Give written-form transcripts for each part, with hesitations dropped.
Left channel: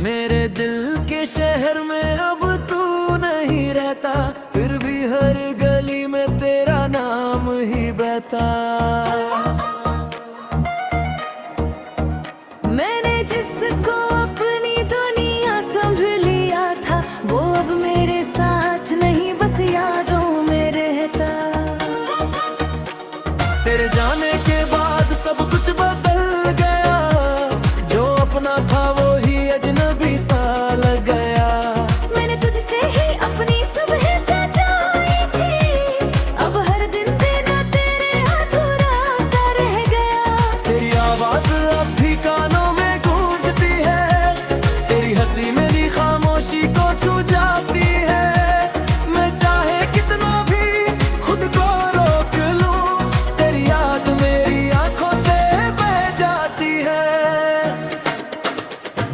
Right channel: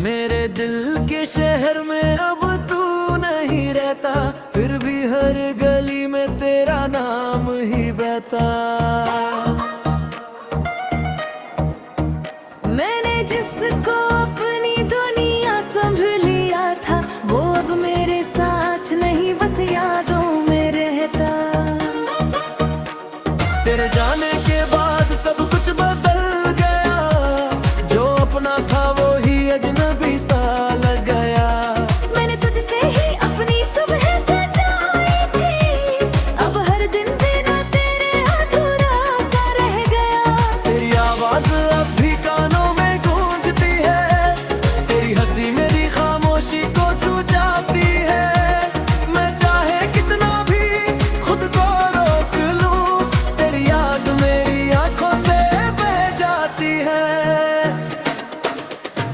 मेरे दिल के शहर में अब तू नहीं रहता, फिर भी हर गली में तेरा नाम ही बहता। मैंने जिसको अपनी दुनिया समझ लिया था, वो अब मेरे साथ नहीं बस यादों में रहता। तेरे जाने के बाद सब कुछ बदल गया, जो अपना था वो ही अजनबी सा लग गया। मैंने तुझसे ही अपनी सुबह सजाई थी, अब हर दिन बिना तेरे अधूरा सा रह गया। तेरी आवाज अब भी कानों में गूंजती है, तेरी हंसी मेरी खामोशी को छू जाती है। मैं चाहे कितना भी खुद को रोक लूं, तेरी याद मेरी आंखों से बह जाती है।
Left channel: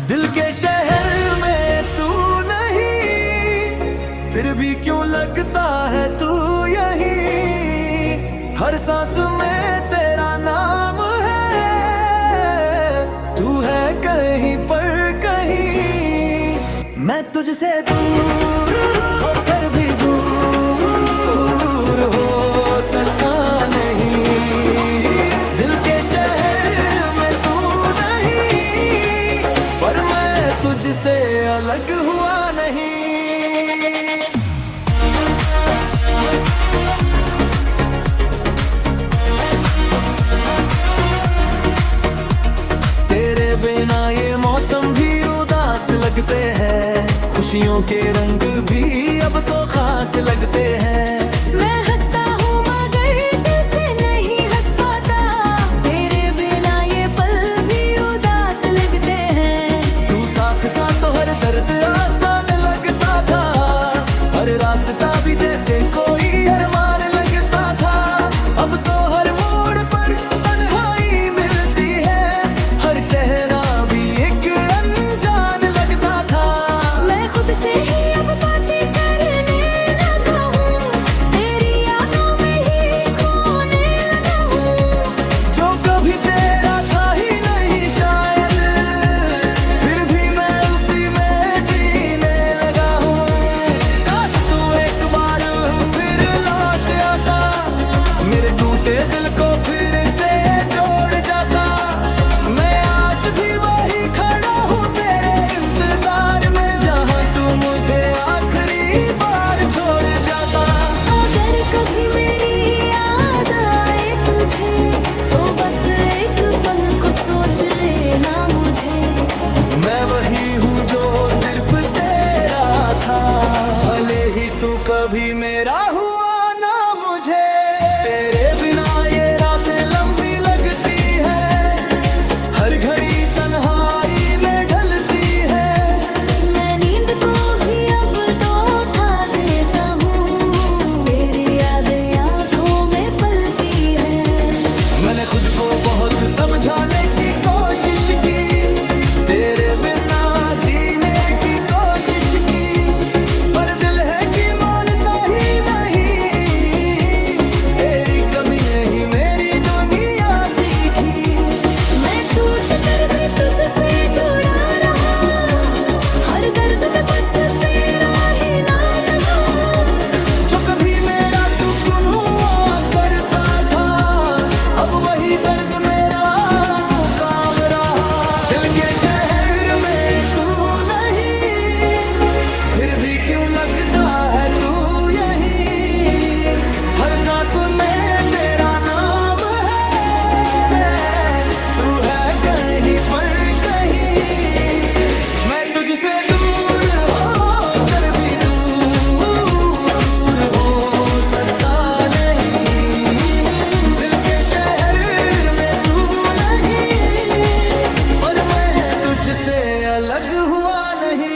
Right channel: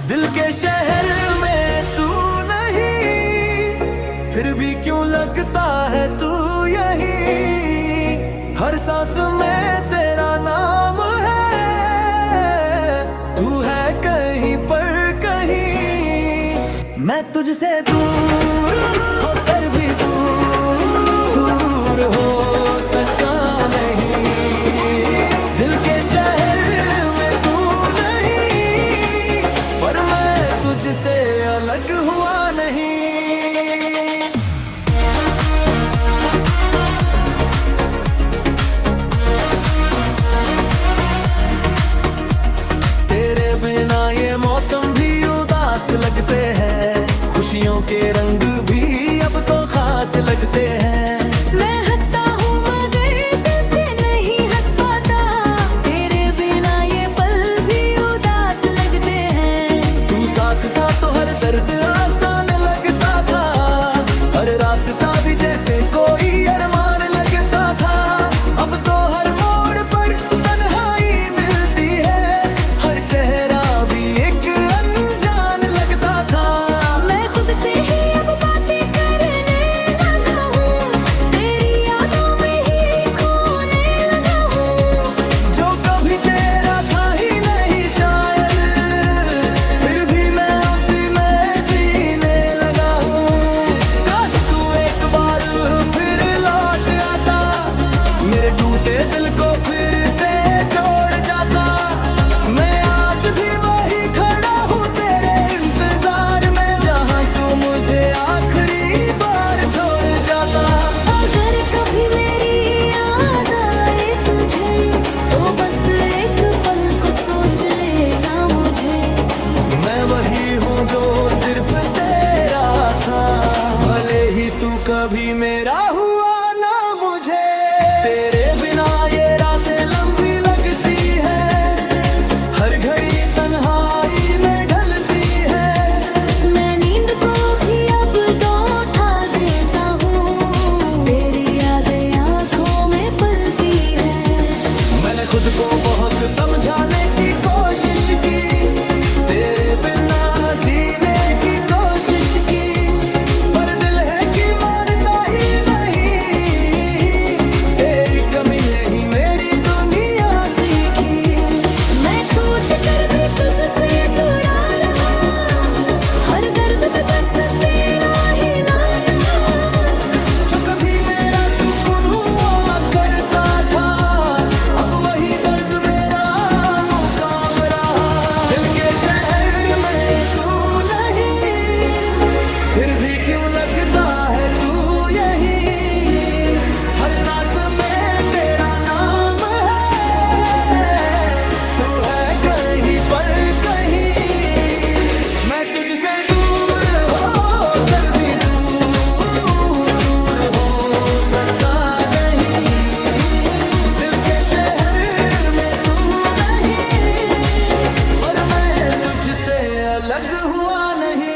दिल के शहर में तू नहीं, फिर भी क्यों लगता है तू यहीं। हर सांस में तेरा नाम है, तू है कहीं पर कहीं। मैं तुझसे दूर होकर भी दूर हो सका नहीं। दिल के शहर में तू नहीं, पर मैं तुझसे अलग हुआ नहीं। तेरे बिना ये मौसम भी उदास लगते हैं, खुशियों के रंग भी अब तो खास लगते हैं। मैं हंसता हूँ मगर दिल से नहीं हंस पाता, तेरे बिना ये पल भी उदास लगते हैं। तू साथ था तो हर दर्द आसान लगता था, हर रास्ता भी जैसे कोई अरमान लगता था। अब तो हर मोड़ पर तन्हाई मिलती है, हर चेहरा भी एक अनजान लगता था। मैं खुद से ही अब बातें करने लगा हूँ, तेरी यादों में ही खोने लगा हूँ। जो कभी तेरा था ही नहीं शायद, फिर भी मैं उसी में जीने लगा हूँ। काश तू एक बार फिर लौट आता, मेरे टूटे दिल को फिर से जोड़ जाता। मैं आज भी वही खड़ा हूँ तेरे इंतजार में, जहाँ तू मुझे आखिरी बार छोड़ जाता। अगर कभी मेरी याद आए तुझे, तो बस एक पल को सोच लेना मुझे। मैं वही हूँ जो सिर्फ तेरा था, भले ही तू कभी मेरा हुआ ना मुझे। तेरे बिना ये रातें लंबी लगती है, हर घड़ी तन्हाई में ढलती है। मैं नींद को भी अब धोखा देता हूँ, तेरी यादें आंखों में पलती है। मैंने खुद को बहुत समझाने की कोशिश की, तेरे बिना जीने की कोशिश की, पर दिल है कि मानता ही नहीं। तेरी कमी ने ही मेरी दुनिया सीखी। मैं टूट कर भी तुझसे जुड़ा रहा, हर दर्द में बस तेरा ही नाम रहा। जो कभी मेरा सुकून हुआ करता था, अब वही दर्द मेरा मुकाम रहा। दिल के शहर में तू नहीं, फिर भी क्यों लगता है तू यहीं। हर सांस में तेरा नाम है, तू है कहीं पर कहीं। मैं तुझसे दूर होकर भी दूर हो सका नहीं। दिल के शहर में तू नहीं, पर मैं तुझसे अलग हुआ नहीं।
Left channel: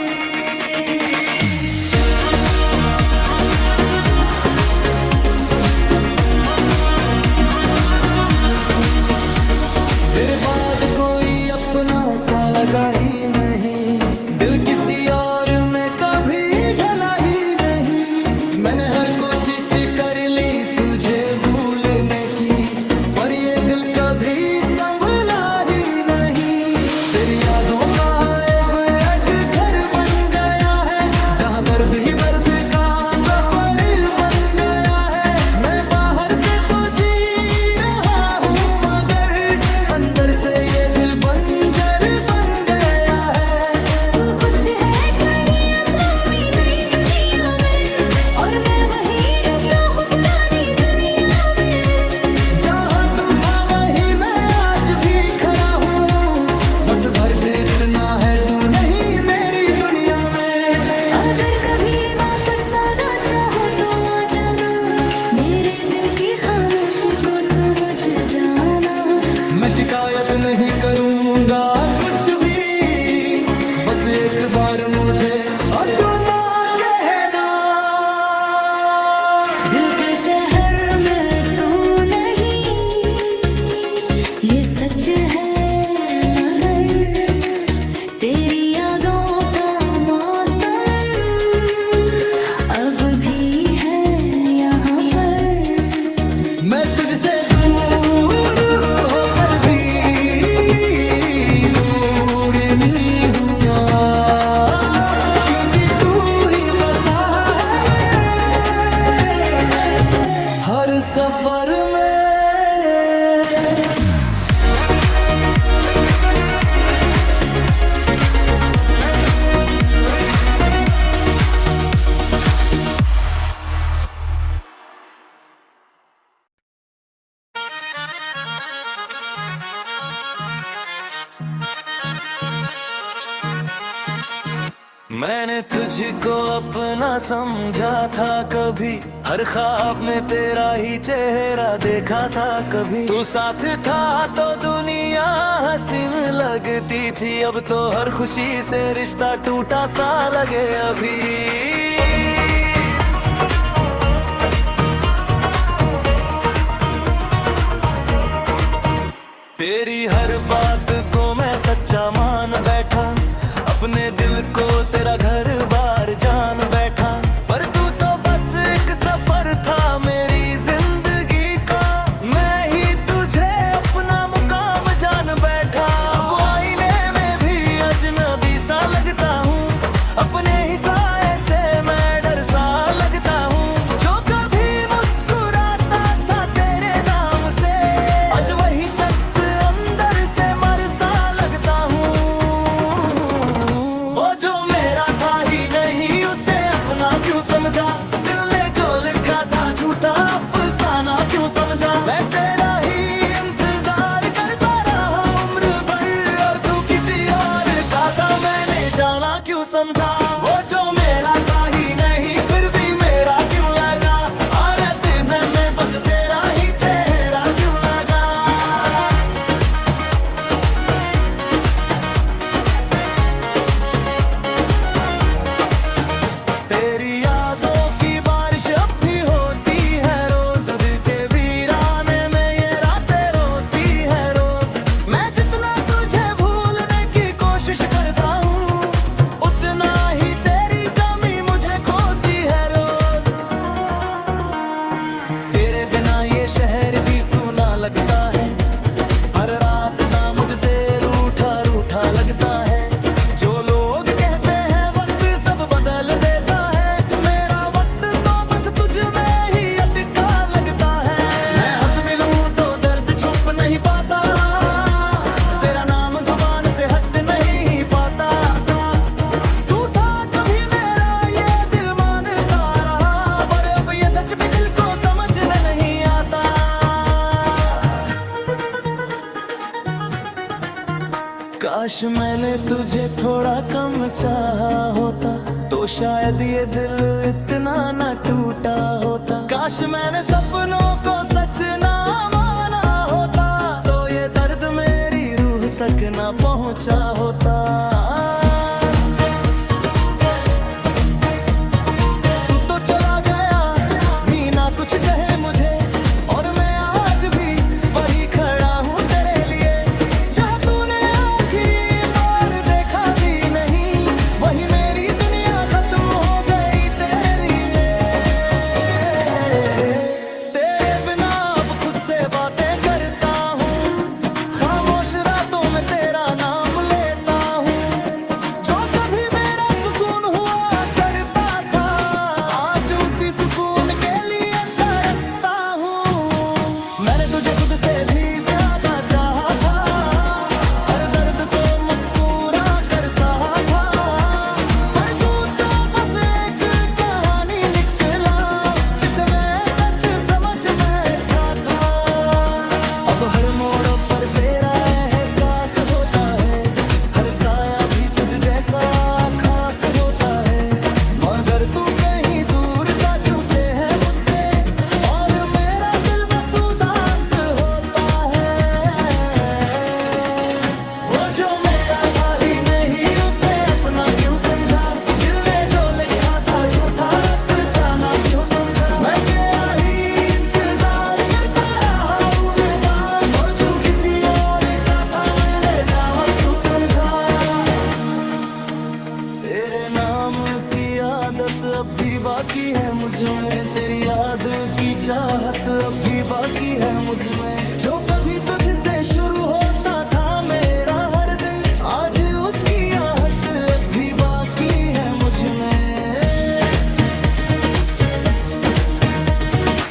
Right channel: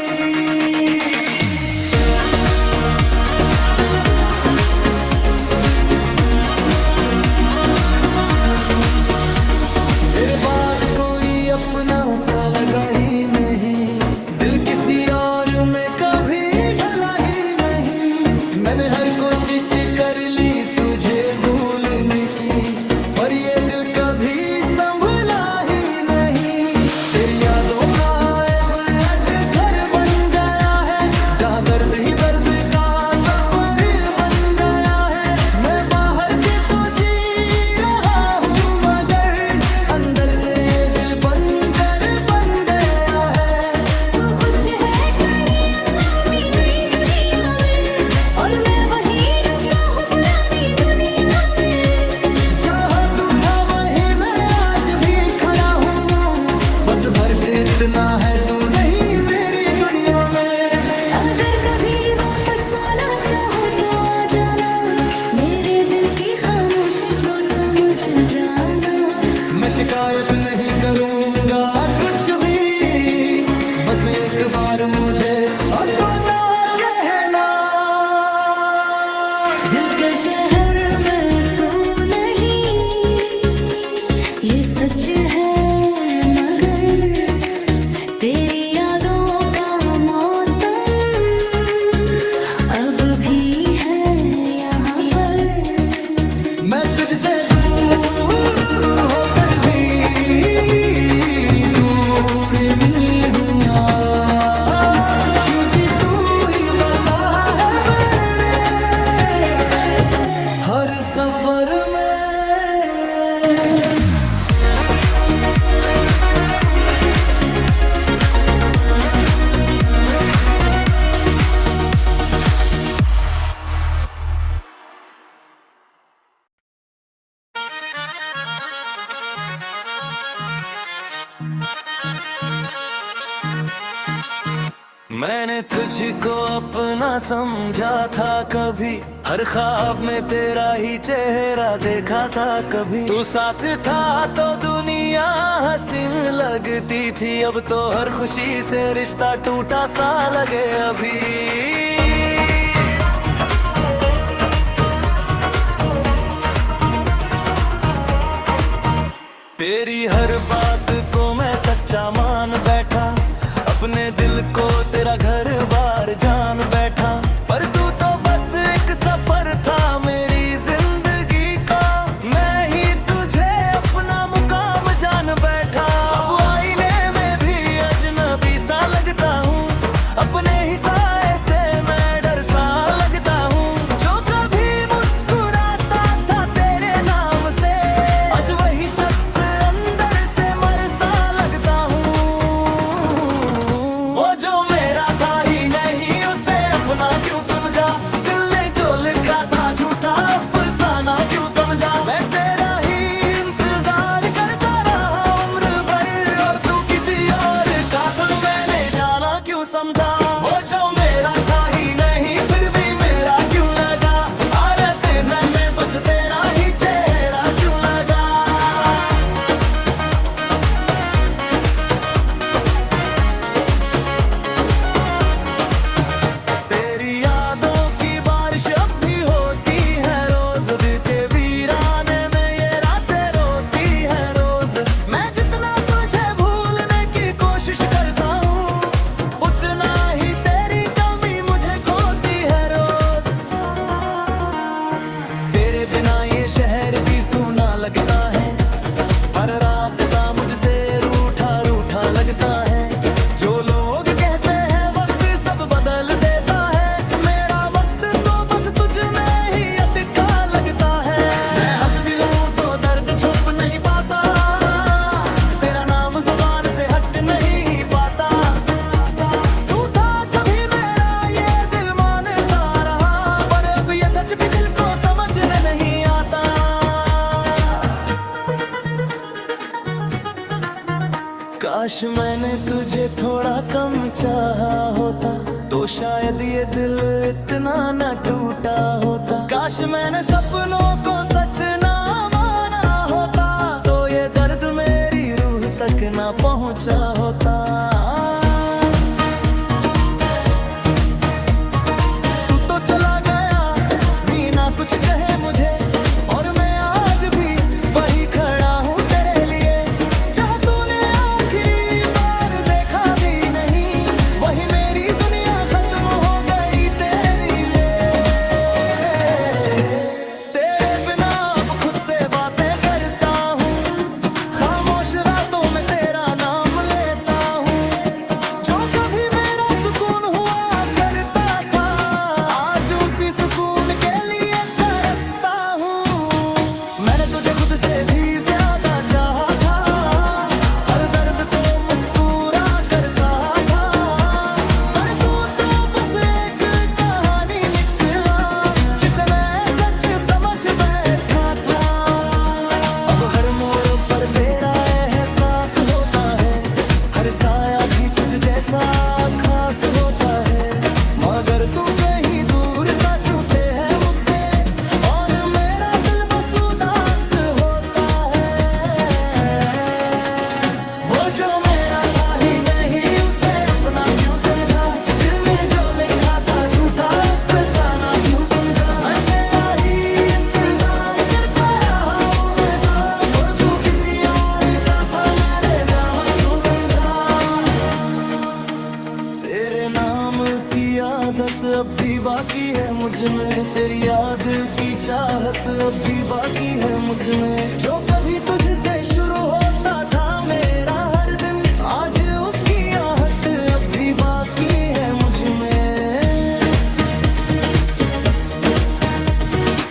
तेरे बाद कोई अपना सा लगा ही नहीं, दिल किसी और में कभी ढला ही नहीं। मैंने हर कोशिश कर ली तुझे भूलने की, पर ये दिल कभी संभला ही नहीं। तेरी यादों का एक यहाँ दर्द ही दर्द का सफर बन गया है। मैं बाहर से तो जी रहा हूँ मगर अंदर से ये दिल बंजर बन गया है। तू खुश है कहीं अथामी नई दुनिया में और मैं वहीं रुका हूँ पुरानी दुनिया में। जहाँ तू था वहीं मैं आज भी खड़ा हूँ, बस फर्क इतना है तू नहीं मेरी दुनिया में। अगर कभी वापस आना चाहो तो आ जाना, मेरे दिल की खामोशी को समझ जाना। मैं शिकायत नहीं करूँगा कुछ भी, बस एक बार मुझे अब तो ना कहना। दिल के शहर में तू नहीं, ये सच है मगर तेरी यादों का मौसम अब भी है यहाँ पर। मैं तुझसे दूर होकर भी दूर नहीं हूँ यार, क्योंकि तू ही बसा है मेरे हर सफर में। मैंने तुझको अपना समझा था कभी, हर ख्वाब में तेरा ही चेहरा देखा था कभी। तू साथ था तो दुनिया हसीन लगती थी, अब तो हर खुशी से रिश्ता टूटा सा लगे अभी। तेरी हर बात को मैं सच्चा मान बैठा, अपने दिल को तेरा घर बार जान बैठा। पर तू तो बस एक सफर था मेरी जिंदगी का, मैं ही तुझे अपना मुकाम जान बैठा। अब आईने में भी अजनबी सा लगता हूँ, अपने ही साए से मैं डर सा लगता हूँ। जो कभी मुस्कुराता था तेरे नाम से, आज वही शख्स अंदर से मर सा लगता हूँ। वो जो मेरा था ही नहीं उसे अपना क्यों समझा, दिल ने जो लिखा था झूठा अफसाना क्यों समझा। मैं तेरा ही इंतजार करता रहा उम्र भर, और तू किसी और का था मैंने जाना क्यों समझा। वो जो मेरा था ही नहीं फिर भी मेरा क्यों लगा, अरे तेरे में बस तेरा ही चेहरा क्यों लगा। तेरी यादों की बारिश अब भी होती है रोज, दिल के वीराने में ये रातें रोती है रोज। मैं जितना तुझे भूलने की कोशिश करता हूँ, उतना ही तेरी कमी मुझे खोती है रोज। तेरे बिना ये शहर भी सूना लगता है, हर रास्ता मुझसे रूठा रूठा लगता है। जो लोग कहते हैं वक्त सब बदल देता है, मेरा वक्त तो बस तुझ में ही अटका लगता है। मैं हंस भी लूं तो दर्द छुप नहीं पाता, तेरा नाम जुबान से हट नहीं पाता। तू था कभी मेरा ये दिल मानता रहा, पर अब ये सच भी दिल को समझने नहीं आता। काश मैंने तुझे थोड़ा कम चाहा होता, तो शायद ये दिल इतना न टूटा होता। काश मैंने सपनों को सच ना माना होता, तो ये दर्द मेरी रूह तक ना पहुंचा होता। तू तो चला गया मीना कुछ कहे मुझे, और मैं आज भी वही खड़ा हूँ तेरे लिए। जहाँ तूने आखिरी बार देखा भी नहीं, वही मेरी दुनिया खत्म हो गई तेरे लिए। तेरे बिना अब खुद से बातें करता हूँ, खामोश रातों में तेरा नाम लेता हूँ। जो कभी मेरा सुकून हुआ करता सा खास होता है, मगर तू कहीं दूर का छूते है मुझसे, और मेरा दिल बस उदास होता है। वो जो मेरा था ही नहीं उसे अपना क्यों समझा, दिल ने जो लिखा था झूठा अफसाना क्यों समझा। मैं तेरा ही इंतजार करता रहा हूँ बेदाग, और तू किसी और का था मैंने जामा क्यों समझा। तेरे नाम की आदत अब भी बाकी है मुझ में, तेरी याद की चाहत अब भी बाकी है मुझ में। जो कभी तुझसे शुरू होता था मेरा हर दिन, आज उसकी आहट अब भी बाकी है मुझ में।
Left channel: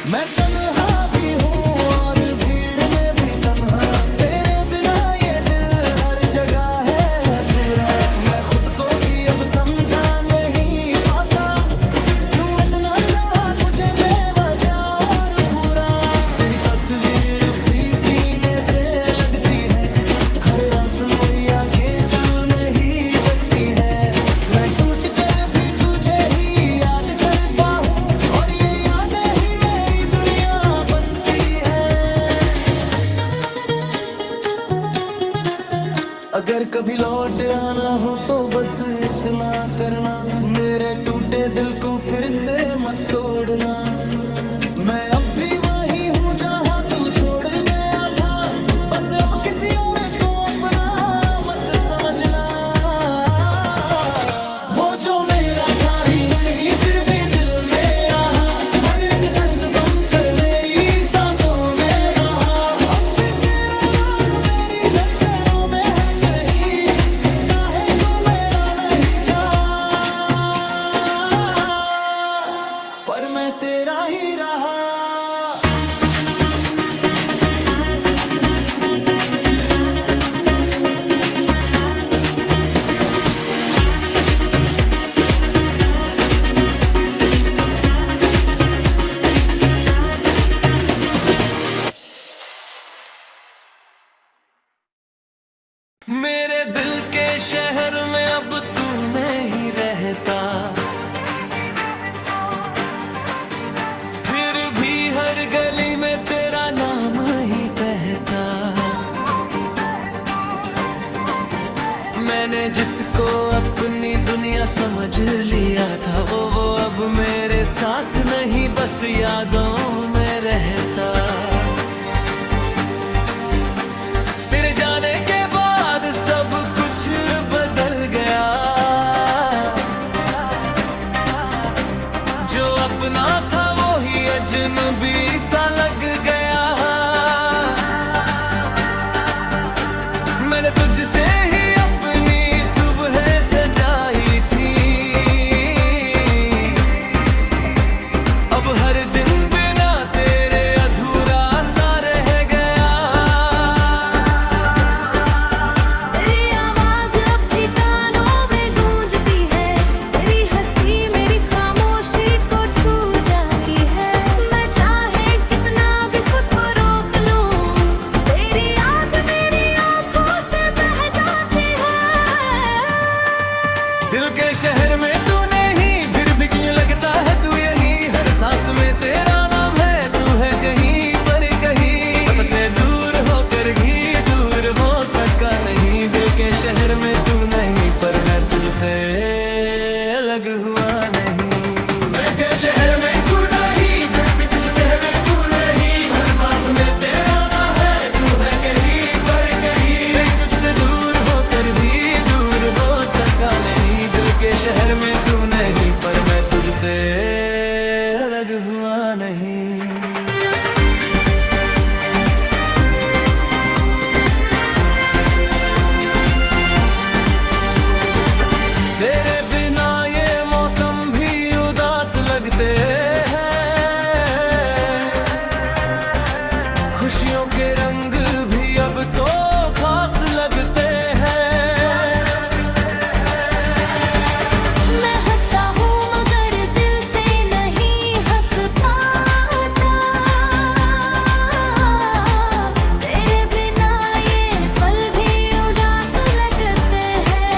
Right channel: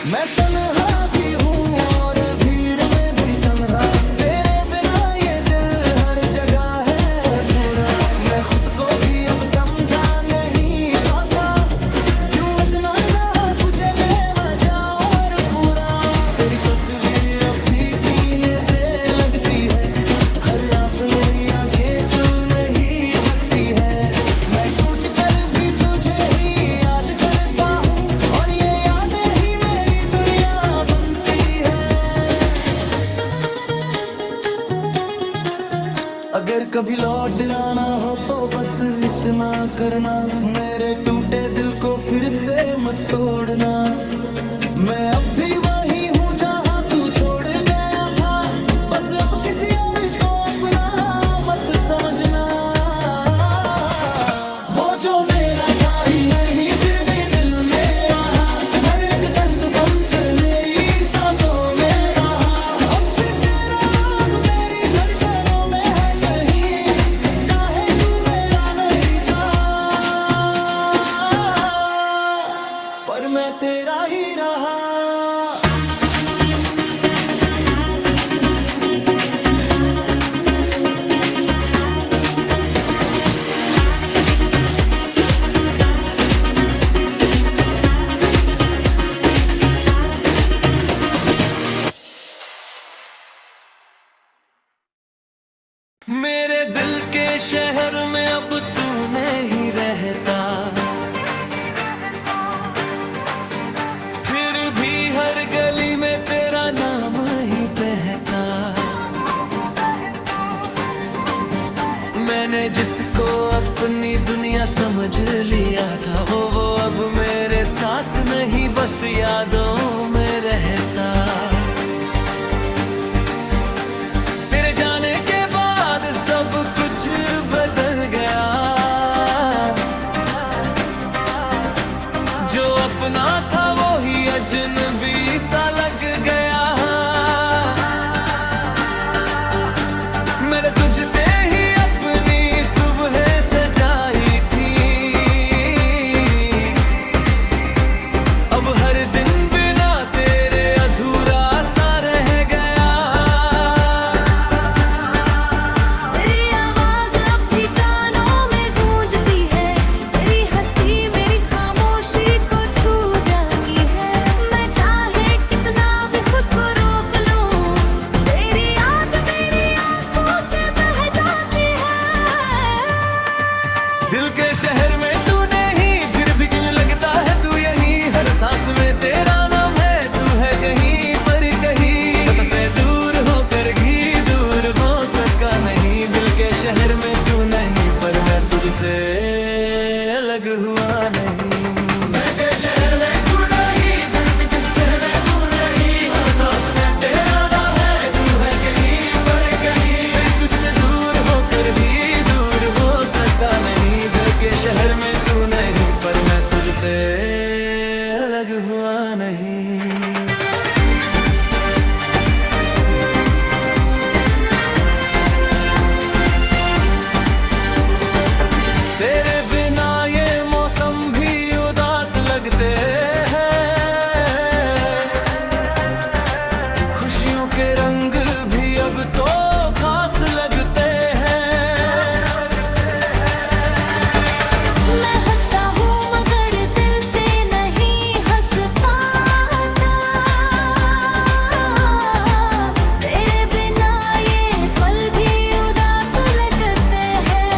मैं तन्हा भी हूँ और भीड़ में भी तन्हा, तेरे बिना ये दिल हर जगह है अधूरा। मैं खुद को भी अब समझा नहीं पाता, क्यों इतना चाहा तुझे बेवजह और पूरा। तेरी तस्वीर अब भी सीने से लगती है, हर रात मेरी आंखें चूर ही बसती है। मैं टूट कर भी तुझे ही याद करता हूँ, और ये यादें ही मेरी दुनिया बनती है। अगर कभी लौट आना हो तो बस इतना करना, मेरे टूटे दिल को फिर से मत तोड़ना। मैं अब भी वही हूँ जहाँ तू छोड़ गया था, बस अब किसी और को अपना मत समझना। वो जो मेरा था ही नहीं फिर भी दिल मेरा है, हर एक दर्द बनकर मेरी सांसों में बहा। अब भी तेरा नाम मेरी धड़कनों में है कहीं, चाहे तू मेरा नहीं था, पर मैं तेरा ही रहा। मेरे दिल के शहर में अब तू नहीं रहता, फिर भी हर गली में तेरा नाम ही बहता। मैंने जिसको अपनी दुनिया समझ लिया था, वो अब मेरे साथ नहीं बस यादों में रहता। तेरे जाने के बाद सब कुछ बदल गया, जो अपना था वो ही अजनबी सा लग गया। मैंने तुझसे ही अपनी सुबह सजाई थी, अब हर दिन बिना तेरे अधूरा सा रह गया। तेरी आवाज अब भी कानों में गूंजती है, तेरी हंसी मेरी खामोशी को छू जाती है। मैं चाहे कितना भी खुद को रोक लूं, तेरी याद मेरी आंखों से बह जाती है। दिल के शहर में तू नहीं, फिर भी क्यों लगता है तू यहीं, हर सांस में तेरा नाम है, तू है कहीं पर कहीं। पता से दूर होकर भी दूर हो सका नहीं, दिल के शहर में तू नहीं, पर मैं तुझसे अलग हुआ नहीं। मैं के शहर में तू नहीं, फिर भी तुझसे मैं तू नहीं, हर सांस में तेरा नाम है, तू है कहीं पर कहीं। मैं तुझसे दूर होकर भी दूर हो सका नहीं, दिल के शहर में तू नहीं, पर मैं तुझसे अलग हुआ नहीं। तेरे बिना ये मौसम भी उदास लगते हैं, खुशियों के रंग भी अब तो खास लगते हैं। मैं हंसता हूँ मगर दिल से नहीं हंस पाता, तेरे बिना ये पल भी उदास लगते हैं।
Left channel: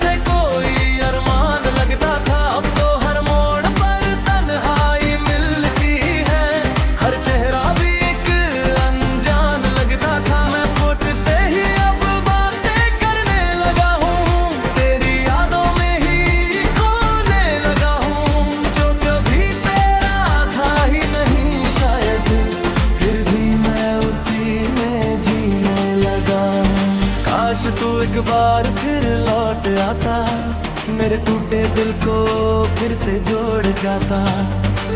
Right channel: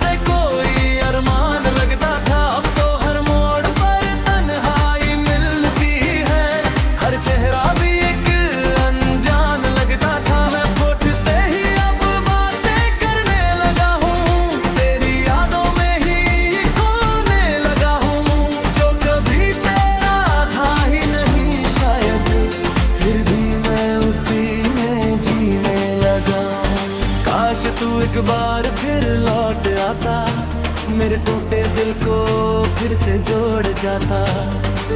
से कोई अरमान लगता था, अब तो हर मोड़ पर तन्हाई मिलती है। हर चेहरा भी एक अनजान लगता था। मैं फोट से ही अब बातें करने लगा हूँ, तेरी यादों में ही खोने लगा हूँ। जो कभी तेरा था ही नहीं शायद, फिर भी मैं उसी में जीने लगा हूँ। काश तू एक बार फिर लौट आता, मेरे टूटे दिल को फिर से जोड़ जाता।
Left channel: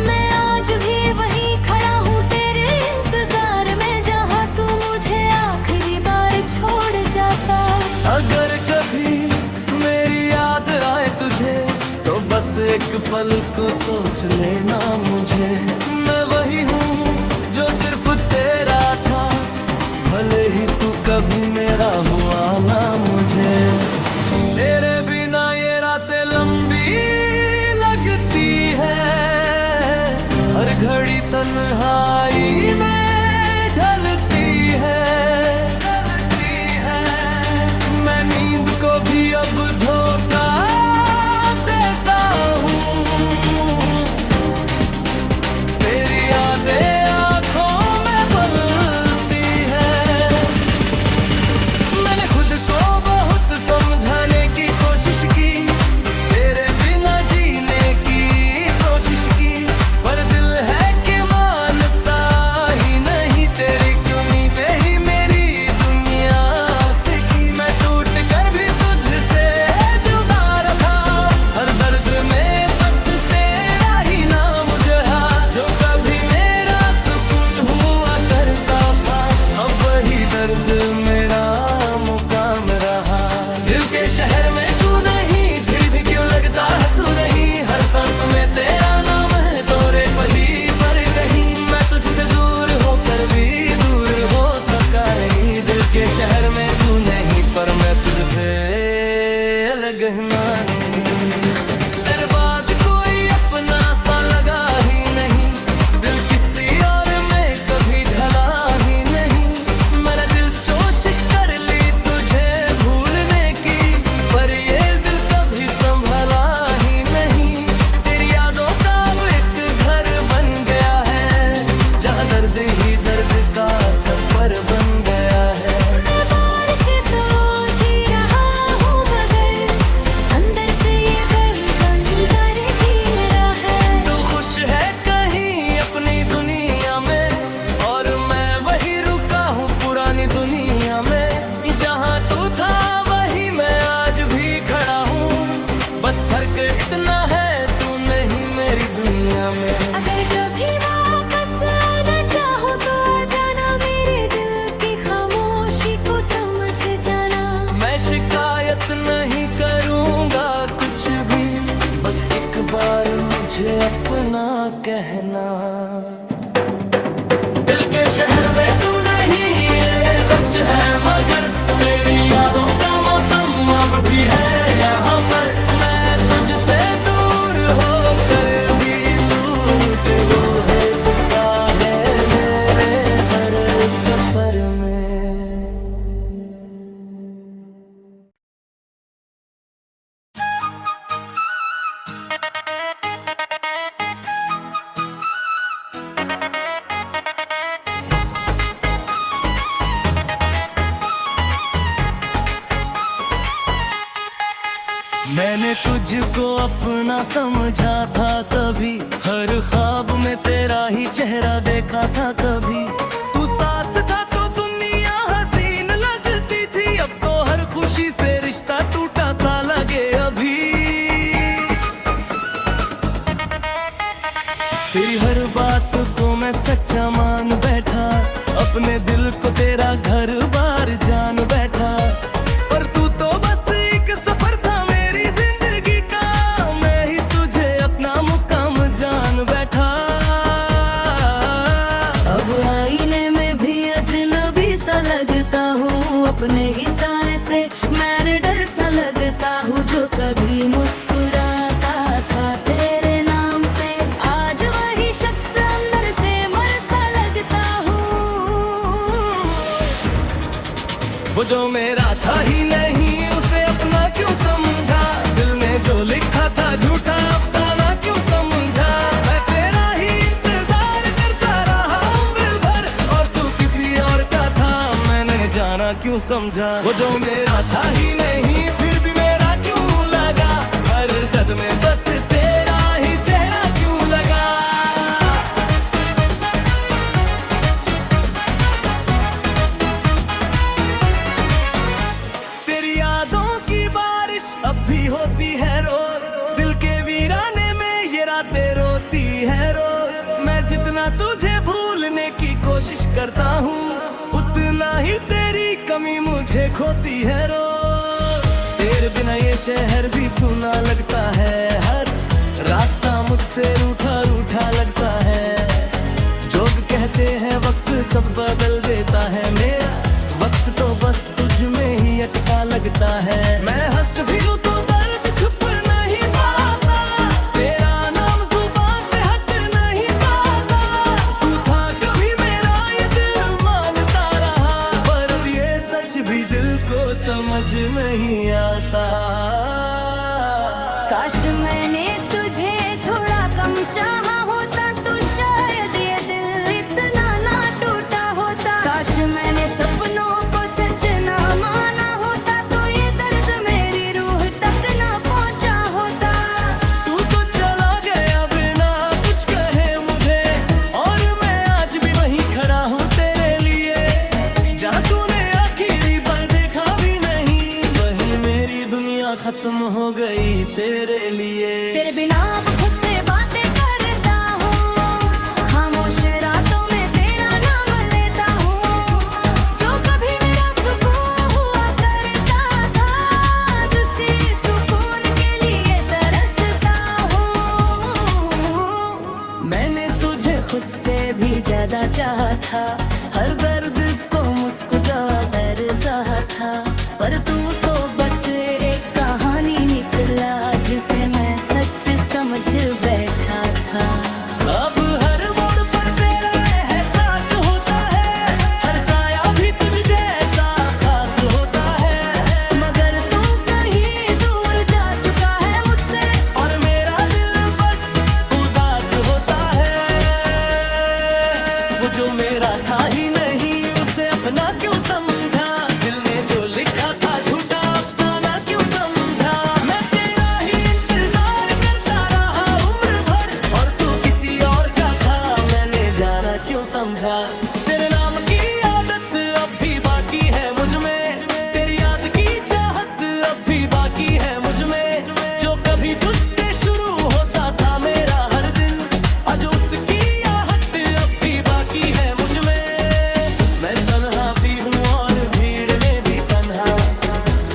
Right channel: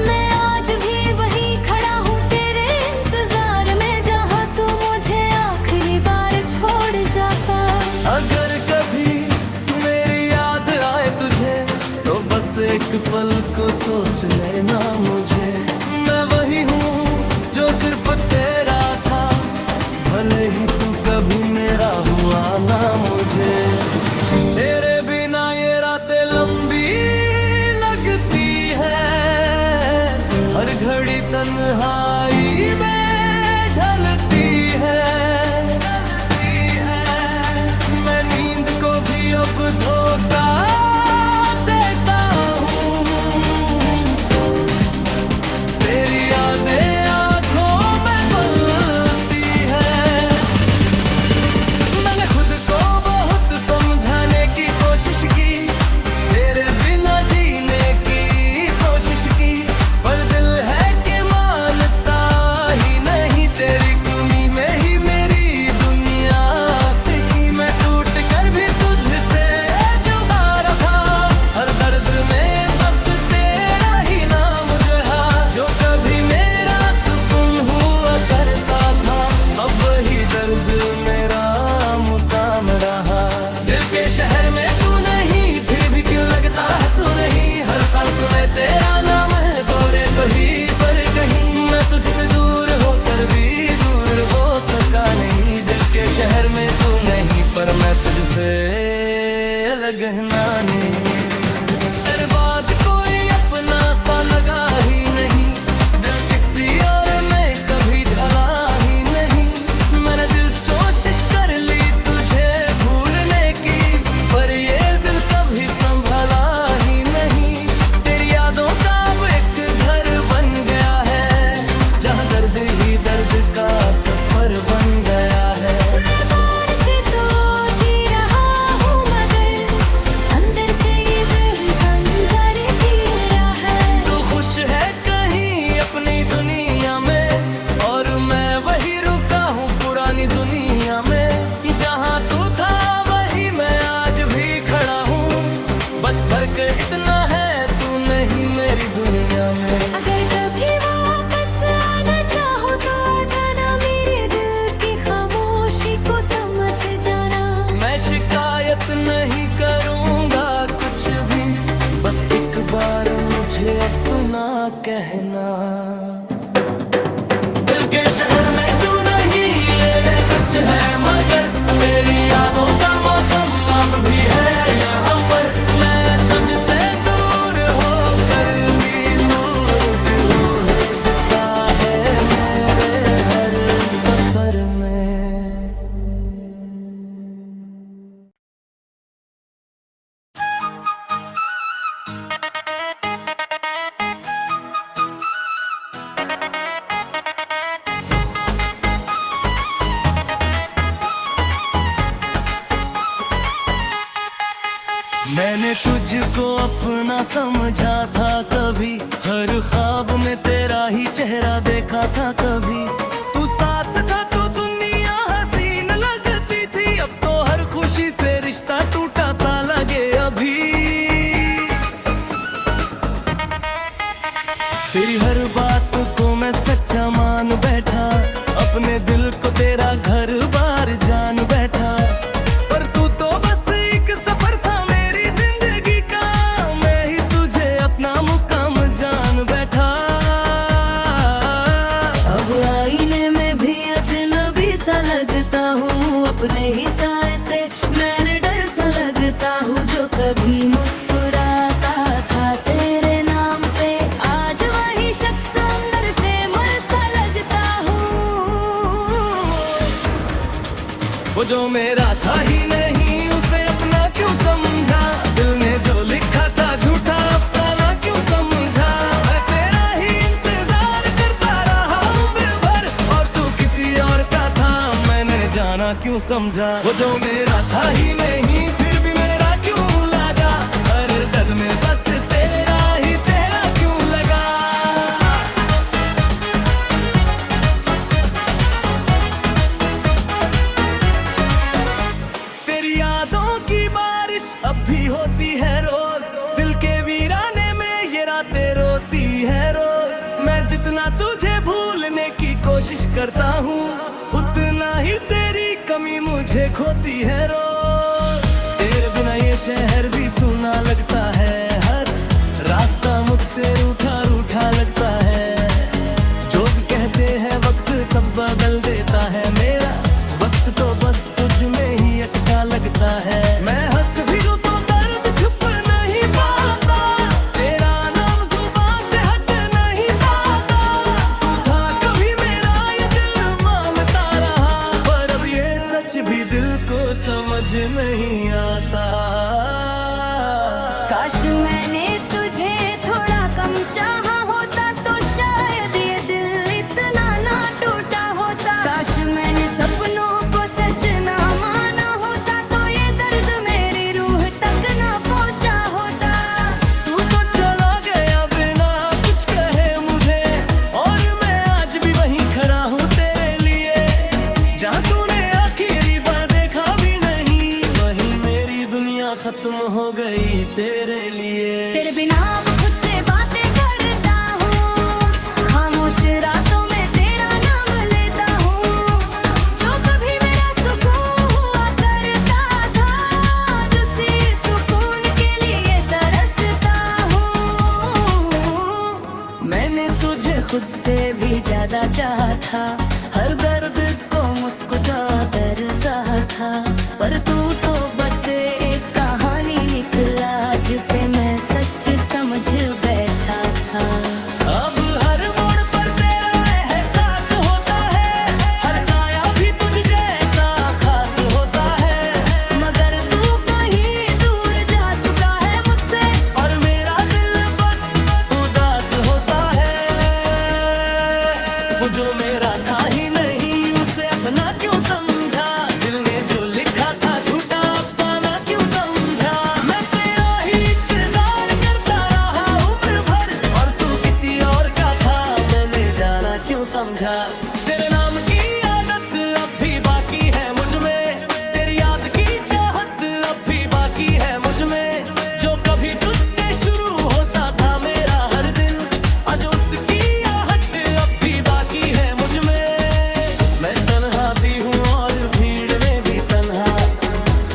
मैं आज भी वहीं खड़ा हूँ तेरे इंतजार में, जहाँ तू मुझे आखिरी बार छोड़ जाता। अगर कभी मेरी याद आए तुझे, तो बस एक पल को सोच लेना मुझे। मैं वही हूँ जो सिर्फ तेरा था, भले ही तू कभी मेरा हुआ ना मुझे। तेरे बिना ये रातें लंबी लगती है, हर घड़ी तन्हाई में ढलती है। मैं नींद को भी अब धोखा देता हूँ, तेरी यादें आँखों में पलती है। मैंने खुद को बहुत समझाने की कोशिश की, तेरे बिना जीने की कोशिश की, पर दिल है कि मानता ही नहीं। तेरी कमी में ही मेरी दुनिया सिकी, मैं टूट कर भी तुझसे जुदा रहा। हर दर्द में बस तेरा ही नाम जहा, जो कभी मेरा सुकून हुआ करता था, अब वही दर्द मेरा मुकाम रहा। दिल के शहर में तू नहीं, फिर भी क्यों लगता है तू नहीं। हर सांस में तेरा नाम है, तोरे पही पर कहीं। मैं तुझसे दूर होकर भी दूर हो सका नहीं। दिल के शहर में तू नहीं, पर मैं तुझसे अलग ना नहीं। तेरे बाद कोई अपना सा लगा ही नहीं, दिल किसी और में कभी ढला ही नहीं। मैंने दिल कोशिश कर ली तुझे भूलने की, पर ये दिल कभी संभला ही नहीं। तेरी यादों का अब एक घर बन गया है, जहाँ दर्द ही दर्द का सफर बन गया है। मैं बाहर से तो जी रहा हूँ, मगर अंदर से ये वही बंजारे पी रहा है। तू खुश है कहीं अपनी दुनिया में, और मैं वही रुका हूँ पुरानी दुनिया में। जहाँ तू था वही मैं आज भी खड़ा हूँ, बस फर्क इतना है तू नहीं मेरी दुनिया में। अगर कभी वापस आना चाहो तो आ जाना, मेरे दिल की खामोशी को समझ जाना। मैं शिकायत नहीं करूँगा कुछ भी, बस एक बार मुझे अपना कहना। दिल के शहर में तू नहीं, ये सच है, मगर तेरी यादों का मौसम अब भी है यहाँ पर। मैं तुझसे दूर होकर भी दूर क्यों है, दिशा है मेरे हर सफर में। मैंने तुझको अपना समझा था कभी, हर ख्वाब में तेरा ही चेहरा देखा था कभी। तू साथ था तो दुनिया हसीन लगती थी, अब तो हर खुशी से रिश्ता टूटा सा लगे अभी। तेरी हर बात को मैं सच्चा मान बैठा, अपने दिल को तेरा घर बार जान बैठा। पर तू तो बस एक सफर था मेरी जिंदगी का, मैं ही तुझे अपना मुकाम जान बैठा। अब आईने में भी अजनबी सा लगता हूँ, अपने ही साए से मैं डर सा लगता हूँ। जो कभी मुस्कुराता था तेरे नाम से, आज वही शख्स अंदर से मर सा लगता हूँ। वो जो मेरा था ही नहीं, उसे अपना क्यों समझा। क्यों समझा। वो जो मेरा था ही नहीं फिर भी मेरा क्यों लगा, हर कद में बस तेरा ही चेहरा क्यों लगा। तेरी यादों की बारिश अब भी होती है रोज, दिल के वीराने में ये रातें रोती है रोज। मैं जितना तुझे भूलने की कोशिश करता हूँ, उतना ही तेरी कमी मुझे खोती है रोज। तेरे बिना ये शहर भी सुना लगता है, हर रास्ता मुझसे रूठा रूठा लगता है। जोग कहते हैं वक्त सब बदल देता है, मेरा वक्त तो बस तुझ में ही अटका लगता है। मैं हंस भी लूं तो दर्द छुप नहीं पाता, तेरा नाम जुबान से हट नहीं पाता। तू था कभी मेरा ये दिल मांगता रहा, पर अब ये सच भी दिल को समझ नहीं आता। काश मैंने तुझे थोड़ा कम चाहा होता तो शायद ये दिल इतना ना टूटा होता। काश मैंने सपनों को सच ना माना होता तो ये दर्द मेरी रूह तक ना पहुंचा होता। तू तो चला गया बिना कुछ कहे मुझे, और मैं आज भी वहीं खड़ा हूँ तेरे लिए। जहाँ तूने आखिरी बार देखा भी नहीं, वहीं मेरी दुनिया खत्म हो गई तेरे लिए। तेरे बिना अब खुद से बातें करता हूँ, खामोश रातों में तेरा नाम लेता हूँ। जो कभी मेरा सुकून हुआ करता था, आज उसी सुकून के लिए तरसता हूँ। मैंने तुझे खुद से भी ज्यादा चाहा था, हर दर्द को मुस्कुरा कर सहा था। पर तू तो बस एक कहानी निकला जिसे मैं सच समझ बैठा था। अब हर मोड़ पर तेरा एहसास होता है, हर साया भी तुझ जैसा खास होता है। मगर तू कहीं दूर जा चुका है मुझसे, और मेरा दिल बस उदास होता है। वो जो मेरा था ही नहीं उसे अपना क्यों समझा, दिल ने जो लिखा था झूठा अफसाना क्यों समझा। मैं तेरा ही इंतजार करता रहा उम्र भर, और तू किसी और का था मैंने जाना क्यों समझा। तेरे नाम की आदत अब भी बाकी है मुझ में, तेरी याद की चाहत अब भी बाकी है मुझ में। जो कभी तुझसे शुरू होता था मेरा हर दिन, आज उसकी आहट अब भी बाकी है मुझ में। मैं तन्हा भी हूँ और भीड़ में भी तन्हा,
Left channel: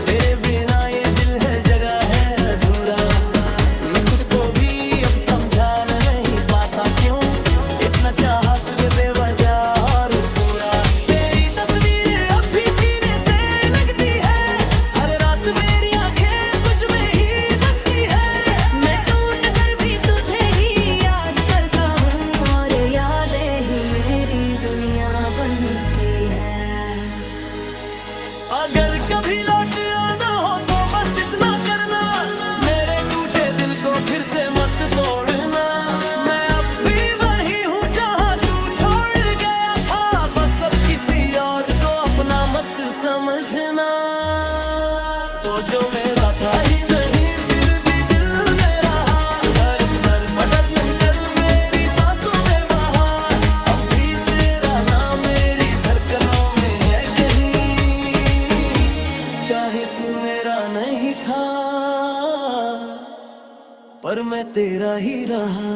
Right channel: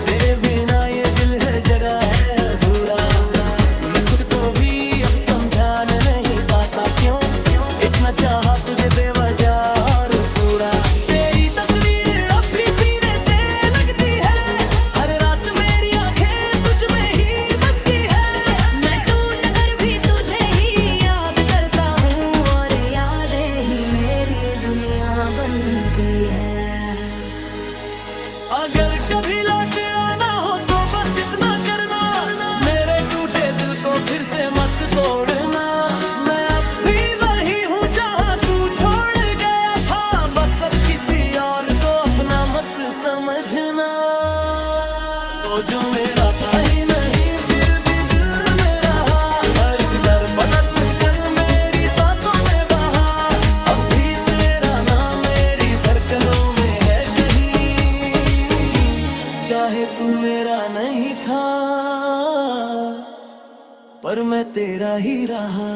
तेरे बिना ये दिल है जगह है अधूरा। मैं खुद को भी अब समझाना नहीं पाता क्यों इतना चाहा तुझे बेवजह और पूरा। तेरी तस्वीर अब भी सीने से लगती है, हर रात मेरी आंखें तुझ में ही बस की है। मैं टूट कर भी तुझे ही याद करता हूँ, और यादें ही मेरी दुनिया बनती है। अगर कभी लौट आना हो तो बस इतना करना, मेरे टूटे दिल को फिर से मत तोड़ना। मैं अब भी वही हूँ जहाँ तू छोड़ गया था, बस अब किसी और को अपना मत समझना। तो जो मेरा था ही नहीं फिर भी दिल में रहा, हर दर बदल कर मेरी सांसों में बहा। अब भी तेरा नाम मेरी धड़कनों में है कहीं, चाहे तू मेरा नहीं था पर मैं तेरा ही रहा।